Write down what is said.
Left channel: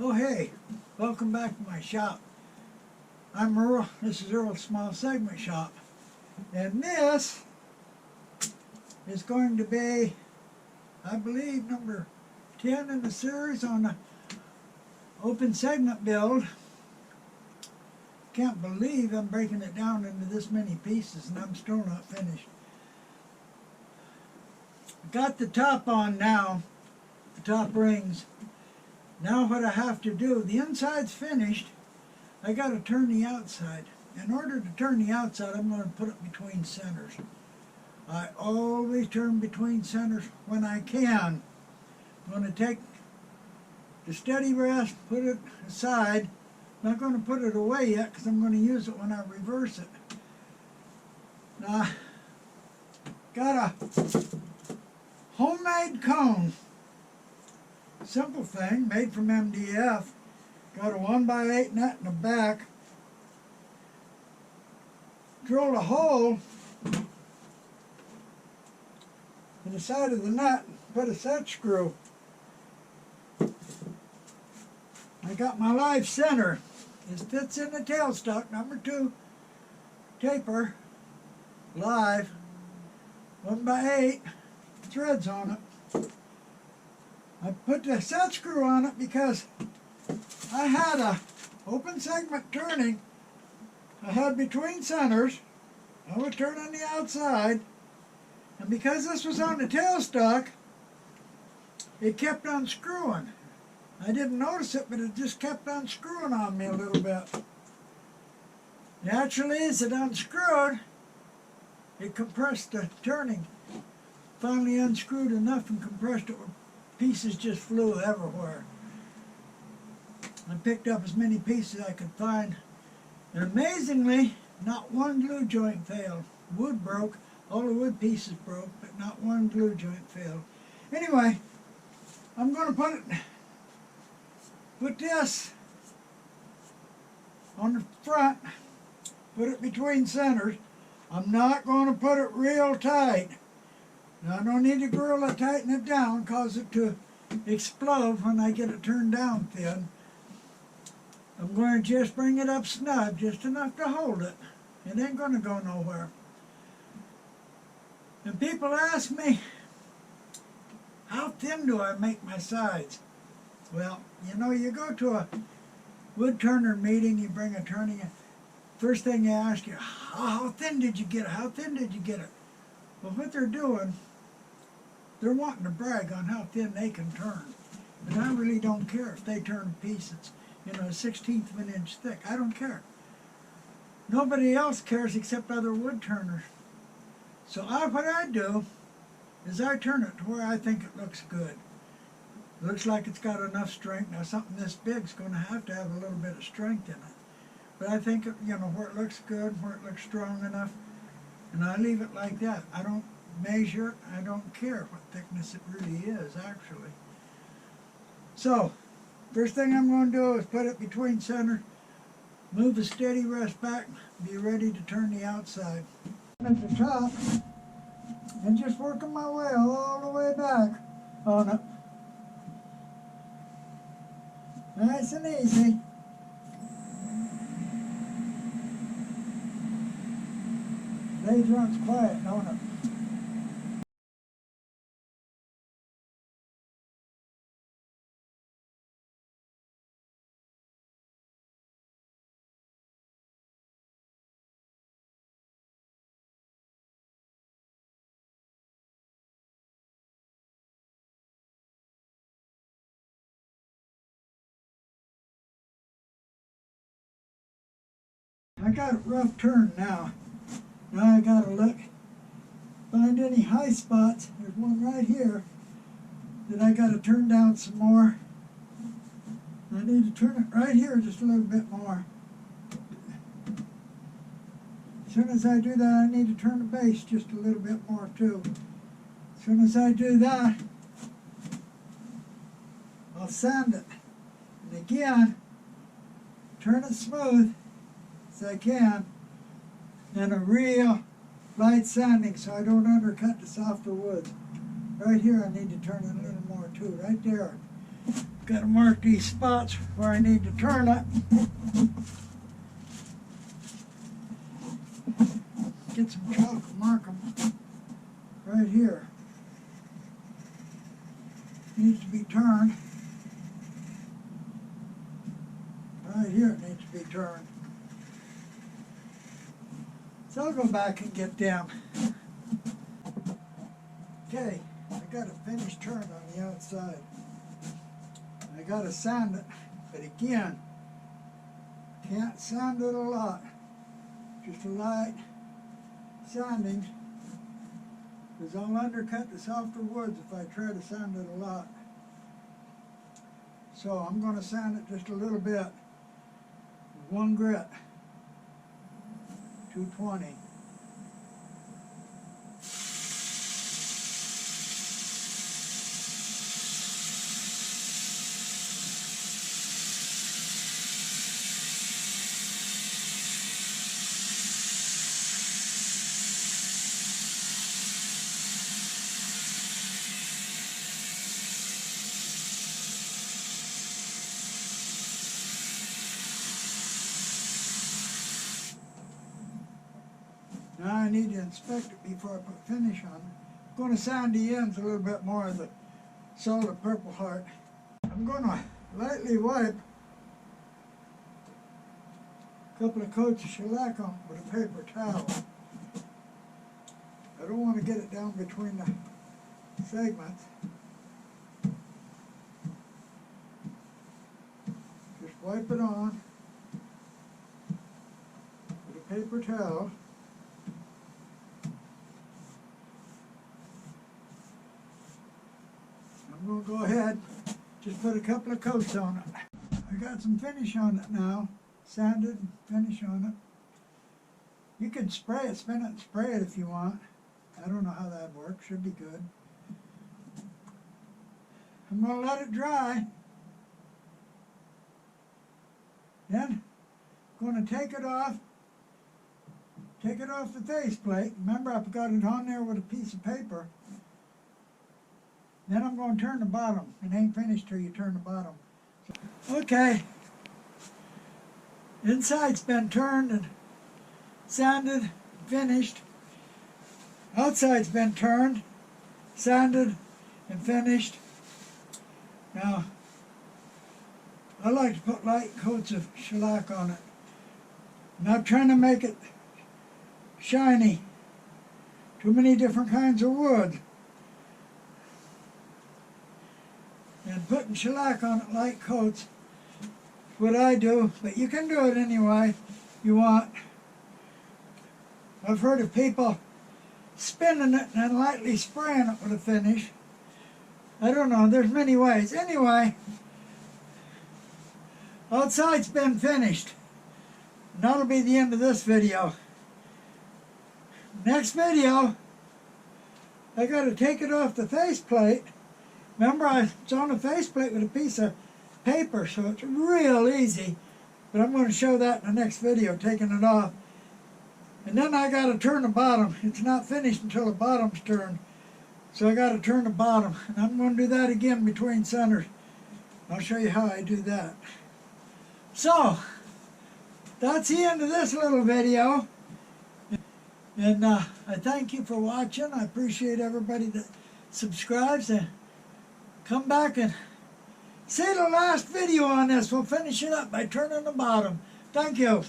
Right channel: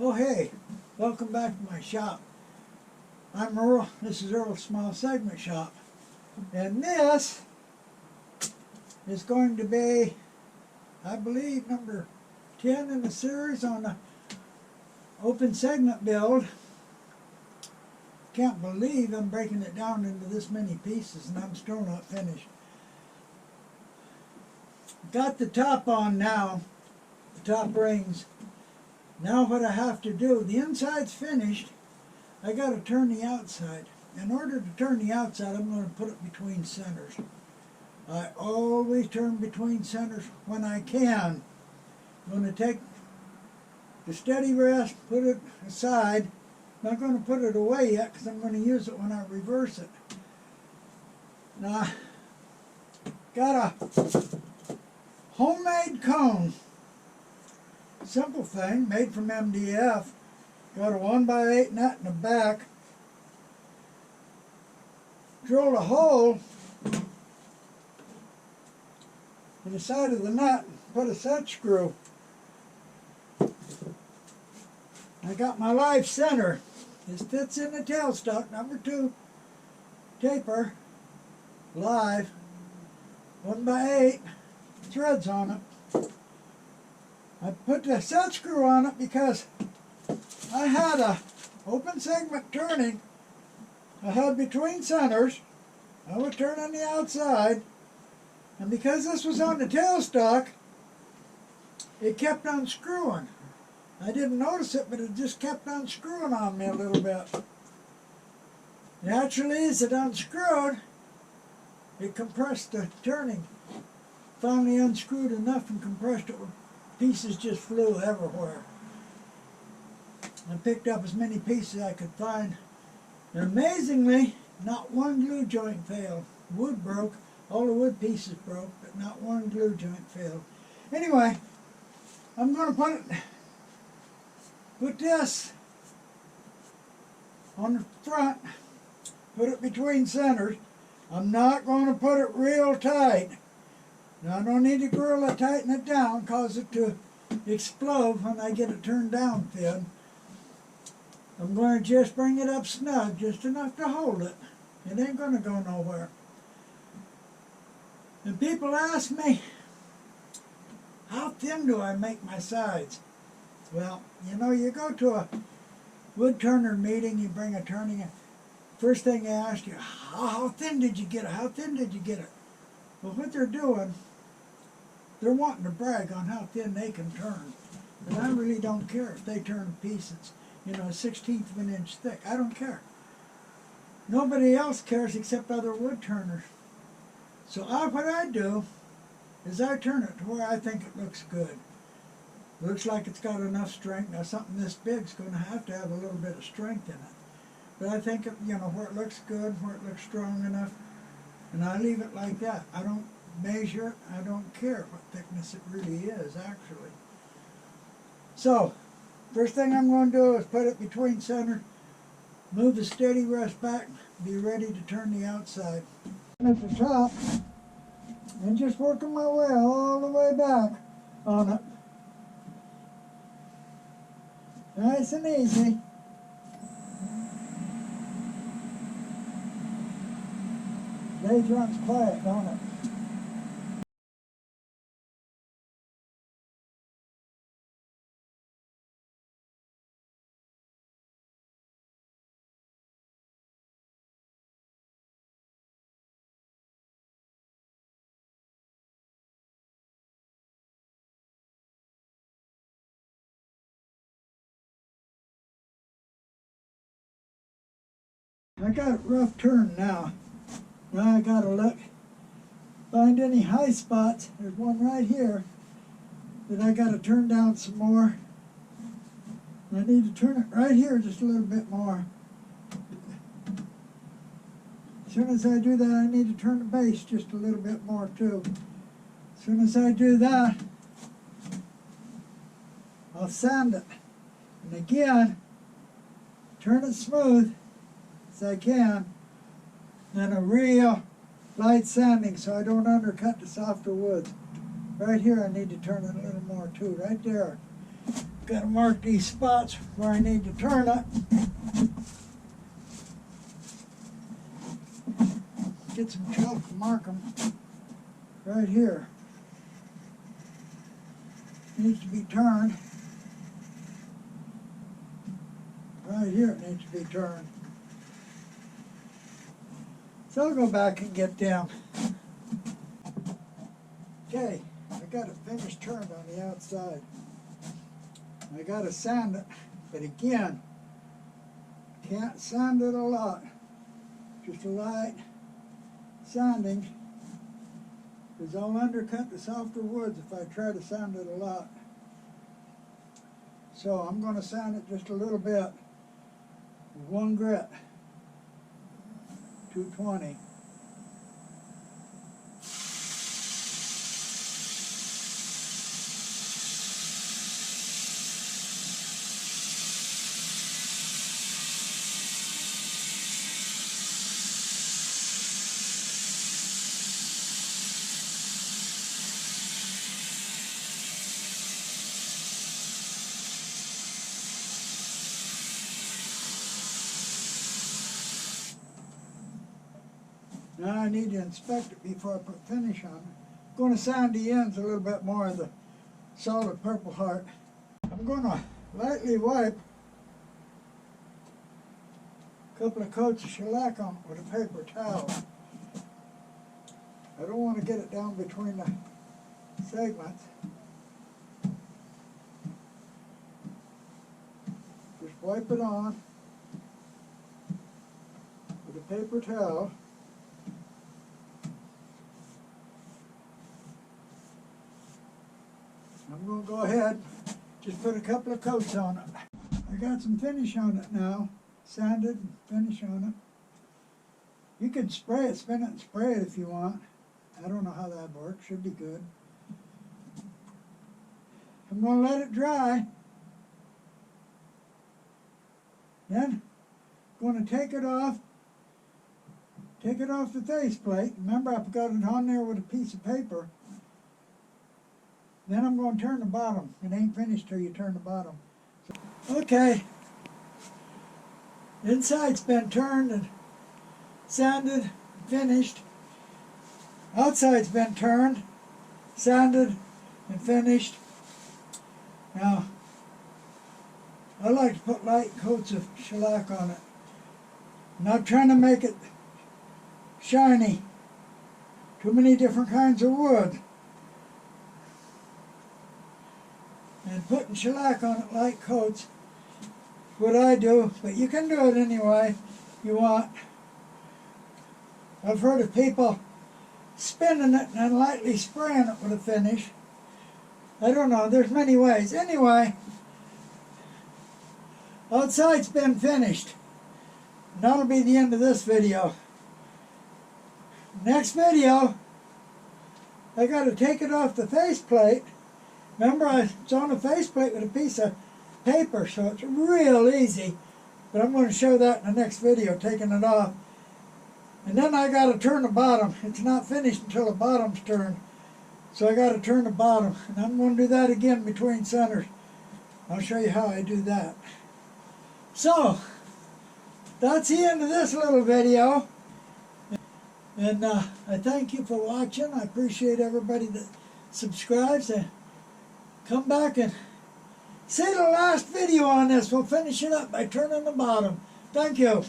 Oh hey, welcome back to my shop. I'm Earl, this is Earl's Small Segment Shop. And this is going to be, I believe, number 10 in the series on the open segment build. Can't believe I'm breaking it down into this many pieces and I'm still not finished. Got the top on now, the top rings. Now what I have to do, the inside's finished, I got to turn the outside. In order to turn the outside, I'm going to put it between centers. I always turn between centers when I can. I'm going to take the steady rest, put it aside. I'm not going to put it away yet because I'm going to use it when I reverse it. Now, got a homemade cone. Simple thing, made from MDF. Got a 1x8 nut in the back. Drilled a hole in the side of the nut and put a set screw. I got my live center. This fits in the tailstock, number 2 taper, live, 1x8, threads on it. I put the set screw on it because I had a open segment turning. I had between centers. I would turn on the outside. And because this was on the tailstock, it kept unscrewing. I didn't notice it, but it just kept unscrewing on me a little bit. Naturally, as it unscrewed, it compressed the turning. Finally unscrewed enough and compressed it where pieces just flew everywhere. I picked up as many pieces as I could find. And amazingly, not one glue joint failed. Wood broke, all the wood pieces broke, but not one glue joint failed. Anyway, I'm going to put this on the front, put it between centers. I'm not going to put it real tight. Now I don't need to Gorilla tighten it down, cause it to explode when I get it turned down thin. I'm going to just bring it up snug, just enough to hold it. It ain't going to go nowhere. And people ask me, how thin do I make my sides? Well, you know, you go to a wood turner meeting, you bring a turning, and first thing they ask you, how thin did you get it? How thin did you get it? Well, what they're doing, they're wanting to brag on how thin they can turn. But I really don't care if they turn a piece that's, you know, 1/16 of an inch thick. I don't care. Nobody else cares except other wood turners. So what I do is I turn it to where I think it looks good. Looks like it's got enough strength. Now something this big is going to have a little bit of strength in it. But I think, you know, where it looks good, where it looks strong enough, and I leave it like that. I don't measure it. I don't care what thickness it really is, actually. So, first thing I'm going to do is put it between center, move the steady rest back, be ready to turn the outside. At the top, and just working my way all the way back on it. Nice and easy. Blade runs quiet, don't it? I got it rough turned now. Now I gotta look, find any high spots. There's one right here that I gotta turn down some more. I need to turn it right here just a little bit more. As soon as I do that, I need to turn the base just a little bit more too. As soon as I do that, I'll sand it. And again, turn it smooth as I can. And a real light sanding so I don't undercut the softer woods. Right here I need to turn it a little more too, right there. Got to mark these spots where I need to turn it. Get some chalk and mark them right here. Needs to be turned. Right here it needs to be turned. So I'll go back and get them. Okay, I got it finished turned on the outside. I got to sand it, but again, can't sand it a lot. Just a light sanding, because I'll undercut the softer woods if I try to sand it a lot. So I'm going to sand it just a little bit with one grit, 220. Now I need to inspect it before I put finish on it. I'm going to sand the ends a little bit more of the solid Purple Heart. I'm going to lightly wipe a couple of coats of shellac on it with a paper towel. I don't want to get it down between the segments. Just wipe it on with a paper towel. I'm going to go ahead, just put a couple of coats on it. I got some finish on it now, sanded and finish on it. You can spray it, spin it and spray it if you want. I don't know how that works, should be good. I'm going to let it dry. Then I'm going to take it off the faceplate. Remember, I've got it on there with a piece of paper. Then I'm going to turn the bottom. It ain't finished till you turn the bottom. So, okay. Inside's been turned and sanded, finished. Outside's been turned, sanded, and finished. Now, I like to put light coats of shellac on it. I'm not trying to make it shiny. Too many different kinds of wood. And putting shellac on it, light coats, is what I do, but you can do it anyway you want. I've heard of people spinning it and then lightly spraying it with a finish. I don't know, there's many ways. Anyway, outside's been finished. And that'll be the end of this video. Next video, I got to take it off the faceplate. Remember, it's on a faceplate with a piece of paper, so it's real easy. But I'm going to show that in the next video, taking it off. And then I got to turn the bottom. It's not finished until the bottom's turned. So I got to turn the bottom. And I'm going to do that again between centers. I'll show you how I do that. So, that's the end of this little video. And I thank you for watching. I appreciate everybody that subscribes. And come back and see the last video on this. We'll finish it up by turning the bottom. Thank you.